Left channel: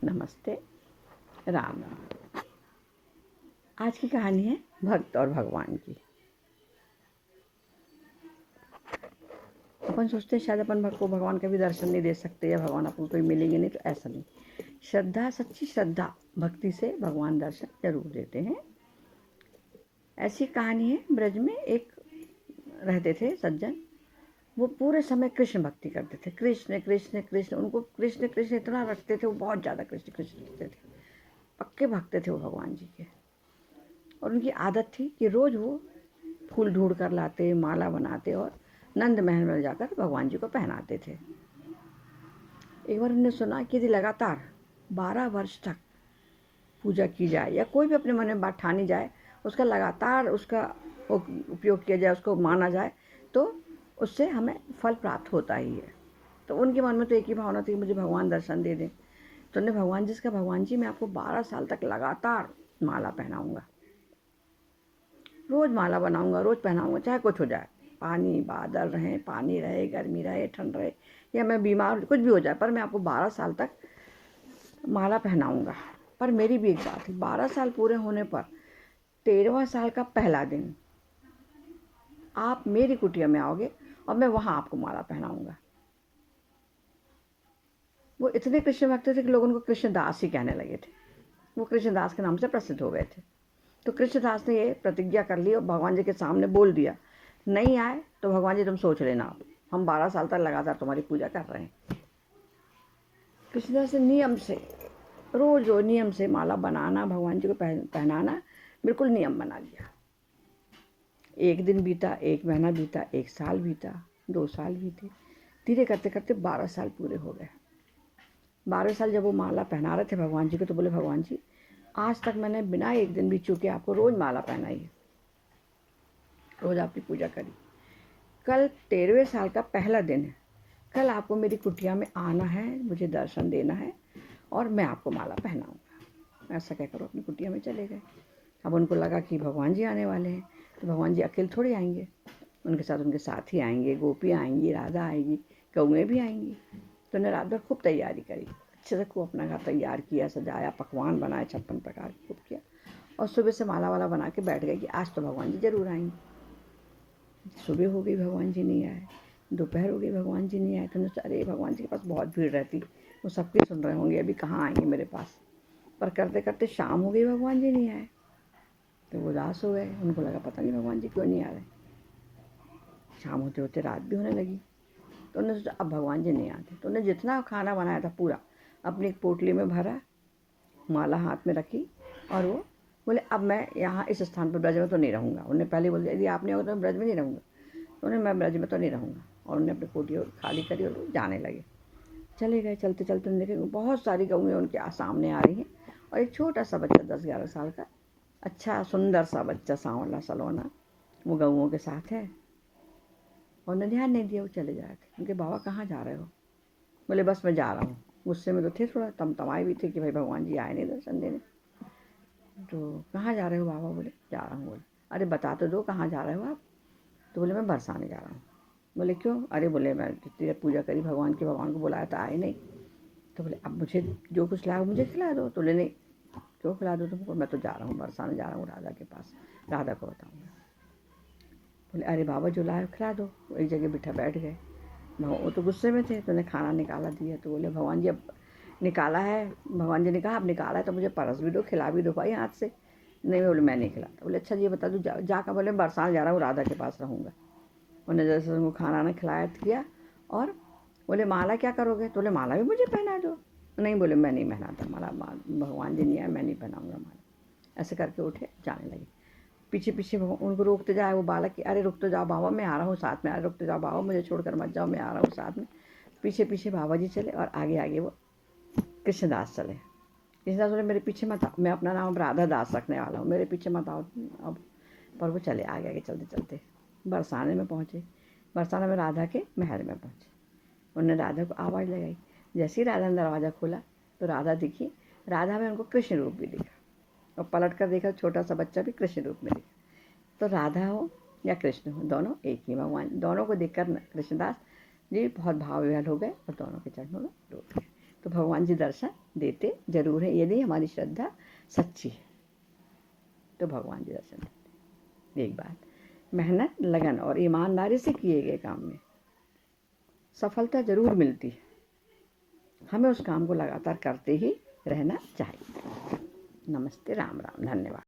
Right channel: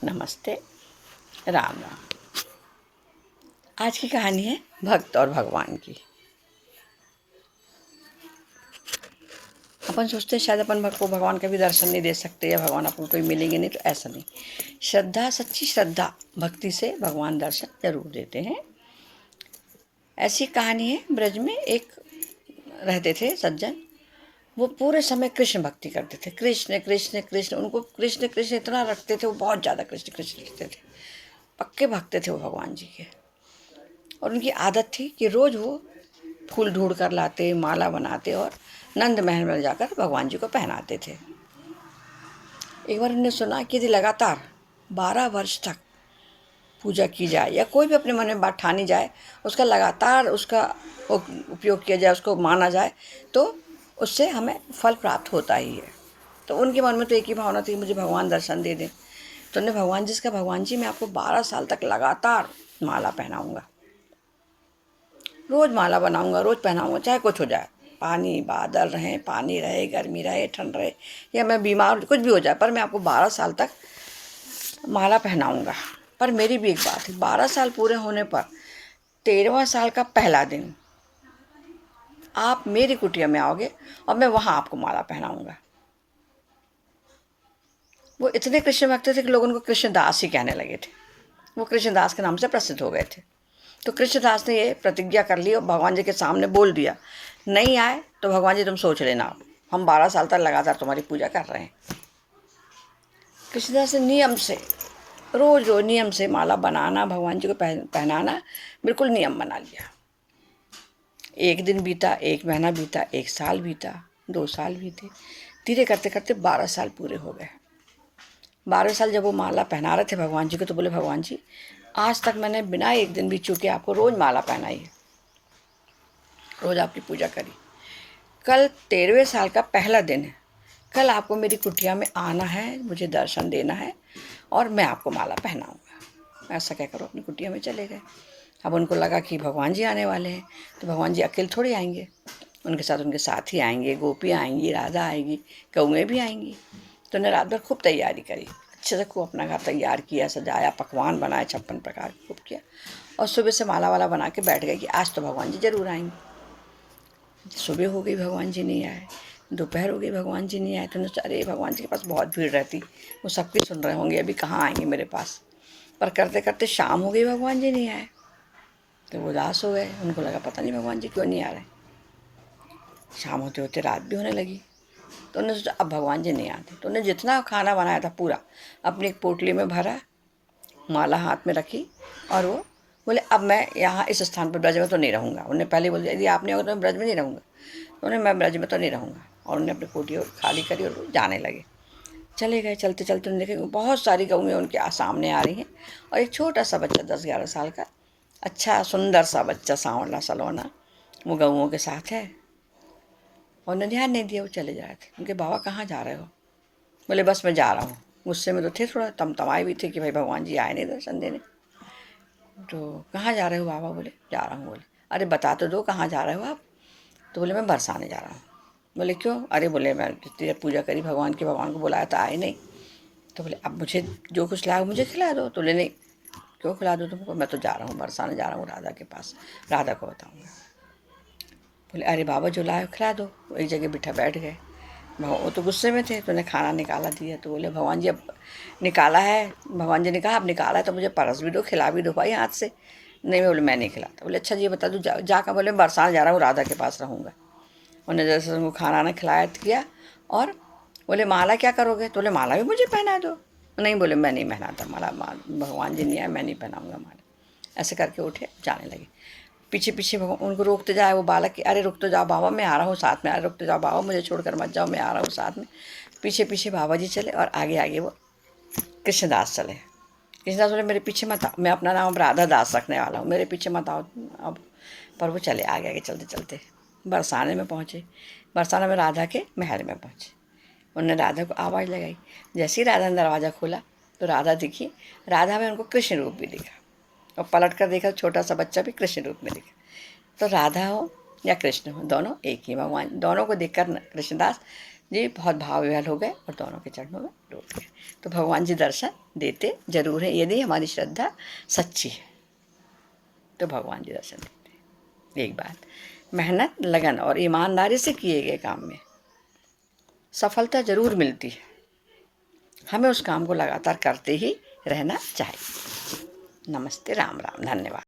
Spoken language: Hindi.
नमस्ते। राम राम। आज की कहानी है भक्त और भगवान की। अपन सोचते हैं शायद अपन को भगवान का भी दर्शन नहीं दे सकते या भगवान अपन को कोई मिलेंगे नहीं, तो ऐसा नहीं। श्रद्धा, सच्ची श्रद्धा भक्ति से भगवान दर्शन जरूर देते हैं। ऐसी कहानी है, ब्रज में एक रहते थे सज्जन। वो पूरे समय कृष्ण भक्ति करते थे। कृष्ण कृष्ण कृष्ण, उनको कृष्ण कृष्ण इतना रखते थे, वो बहुत ज़्यादा कृष्ण कृष्ण रखते थे। पक्के भक्त थे वो भगवान जी के। और उनकी आदत थी कि रोज़ वो फूल ढूंढ कर लाते, माला बनाते और नंद महल में जाकर भगवान जी को पहनाते थे। एक बार उन्होंने सुना कि यदि लगातार 12 वर्ष तक पूजा की जाए या कोई भी अपने मन में बात ठानी जाए, उसका लगातार उसका उपयोग किया जाए, उसको माना जाए, तो उससे हमें फल प्राप्त होता ही है। तो उनके मन में तो एक ही भावना थी, मुझे भगवान दर्शन दे दें। तो उन्होंने भगवान जी से कहा, भगवान जी मैं आपको 12 साल तक लगातार माला पहनाऊँगा, रोज़ माला बनाऊंगा, रोज़ पहनाऊंगा, चाहे कुछ हो जाए, पानी बादल रहे, पानी रहे, गर्मी रहे, ठंड रहे, या मैं बीमार, कुछ भी हो जाए, पर मैं आपको 12 साल तक माला पहनाऊंगा। पर मेरी भी एक बात है, 12 साल पूरे होने पर 13वां साल का पहला दिन आप मेरी कुटिया में आओगे और मैं वहाँ आपको माला पहनाऊंगा। वो इतने कृष्ण भक्त थे कि लोग उनको कृष्णदास ही कहने लगे थे। वो कृष्णदास के नाम से प्रसिद्ध हो गए थे। तो कृष्णदास ने ये प्रतिज्ञा कर ली और भगवान जी के सामने बोल दिया, नहीं आए तो भगवान जी तुम सोच लेना, हम 12 साल तक लगातार तुम्हारी पूजा कर रहे हैं। कृष्णदास ने नियम से रोज रोज नियम से माला बनाना, भगवान जी को पहनाना बिल्कुल नियम बना लिया। एक दिन बीता, एक महीना बीता, एक साल बीता, 2 साल बीते, धीरे करते करते 12 साल पूरे हो गए। 12 साल जब वो माला पहना रहे थे भगवान जी को, तो बोले, भगवान जी आज तक मैंने बिना एक दिन भी चूके आपको रोज़ माला पहनाई है, रोज़ आपकी पूजा करी। कल 13वें साल का पहला दिन है, कल आपको मेरी कुटिया में आना है, मुझे दर्शन देना है और मैं आपको माला पहनाऊँगा। ऐसा कहकर वो अपनी कुटिया में चले गए। अब उनको लगा कि भगवान जी आने वाले हैं, तो भगवान जी अकेले थोड़ी आएंगे, उनके साथ उनके साथी आएंगे, गोपी आएंगी, राधा आएगी, कौएँ भी आएंगी। तो उन्हें रात भर खूब तैयारी करी, अच्छे से खूब अपना घर तैयार किया, सजाया, पकवान बनाए 56 प्रकार के खूब किया, और सुबह से माला वाला बना के बैठ गए कि आज तो भगवान जी जरूर आएंगे। सुबह हो गई, भगवान जी नहीं आए। दोपहर हो गई, भगवान जी नहीं आए। तो उन्होंने, अरे भगवान जी के पास बहुत भीड़ रहती, वो सबकी सुन रहे होंगे, अभी कहाँ आएंगे मेरे पास। पर करते करते शाम हो गई, भगवान जी नहीं आए। तो वो उदास हो गए, उनको लगा पता नहीं भगवान जी क्यों नहीं आ रहे। शाम होते होते रात भी होने लगी। तो उन्होंने सोचा अब भगवान जी नहीं आते। तो उन्होंने जितना खाना बनाया था पूरा अपनी एक पोटली में भरा, माला हाथ में रखी, और वो बोले अब मैं यहाँ इस स्थान पर ब्रज में तो नहीं रहूँगा। उन्होंने पहले बोल दिया, यदि आप नहीं होगा तो मैं ब्रज में नहीं रहूँगा। तो उन्हें, मैं ब्रज में तो नहीं रहूँगा। और उन्होंने अपनी कोठी खाली करी और वो जाने लगे। चले गए, चलते चलते उन्होंने देखा बहुत सारी गऊँ उनके सामने आ रही हैं, और एक छोटा सा बच्चा 10-11 साल का, अच्छा सुंदर सा बच्चा, सांवला सलोना, वो गऊँों के साथ है। और उन्होंने ध्यान नहीं दिया, वो चले जा रहे थे। उनके, बाबा कहाँ जा रहे हो? बोले बस मैं जा रहा हूँ। गुस्से में तो थे, थोड़ा तमतमाए भी थे कि भाई भगवान जी आए नहीं दर्शन देने। तो कहाँ जा रहे हो बाबा? बोले जा रहा हूँ। बोले अरे बता तो दो कहाँ जा रहे हो आप? तो बोले मैं बरसाने जा रहा हूँ। बोले क्यों? अरे बोले मैं जितनी देर पूजा करी भगवान की, भगवान को बुलाया था, आए नहीं। तो बोले अब मुझे जो कुछ लाया मुझे खिला दो। तो बोले नहीं, क्यों खिला दो तुमको? मैं तो जा रहा हूँ, बरसाने जा रहा हूँ राधा के पास, राधा को बताऊँगा। बोले अरे बाबा जो लाए खिला दो। वो एक जगह बिठा बैठ गए। वो तो गुस्से में थे, तो उन्हें खाना निकाला दिया। तो बोले भगवान जी अब निकाला है। भगवान जी ने कहा अब निकाला है तो मुझे परस भी दो, खिला भी दो भाई हाथ से। नहीं, बोले मैं नहीं खिलाता। बोले अच्छा जी बता दो, जाकर बोले बरसाने जा रहा हूँ, राधा के पास रहूँगा। उन्हें जैसे उनको खाना ना खिलाया किया, और बोले माला क्या करोगे? तो बोले माला भी मुझे पहना दो। नहीं, बोले मैं नहीं पहनाता माला, भगवान जी नहीं आए, मैं नहीं पहनाऊँगा माला। ऐसे करके उठे, जाने लगे। पीछे पीछे उनको रोकते जाए वो बालक कि अरे रुक तो जाओ बाबा, मैं आ रहा हूँ साथ में, अरे रुक तो जाओ बाबा, मुझे छोड़कर मत जाओ, मैं आ रहा हूँ साथ में। पीछे पीछे बाबा जी चले, और आगे आगे वो कृष्णदास चले। कृष्णदास बोले मेरे पीछे मत आओ, मैं अपना नाम राधा दास रखने वाला हूँ, मेरे पीछे मत आओ अब। पर वो चले, आगे आगे चलते चलते बरसाने में पहुँचे। बरसाने में राधा के महल में पहुँचे। उन्होंने राधा को आवाज़ लगाई। जैसे ही राधा ने दरवाज़ा खोला तो राधा दिखी। राधा में उनको कृष्ण रूप भी दिखा, और पलट कर देखा, छोटा सा बच्चा भी कृष्ण रूप में दिखा। तो राधा हो या कृष्ण हो, दोनों एक ही भगवान। दोनों को देखकर कृष्णदास जी बहुत भाव विह्वल हो गए और दोनों के चरणों में डूब गए। तो भगवान जी दर्शन देते जरूर है, यदि हमारी श्रद्धा सच्ची है तो भगवान जी दर्शन देते हैं। एक बात, मेहनत लगन और ईमानदारी से किए गए काम में सफलता जरूर मिलती है। हमें उस काम को लगातार करते ही रहना चाहिए। नमस्ते, राम राम, धन्यवाद।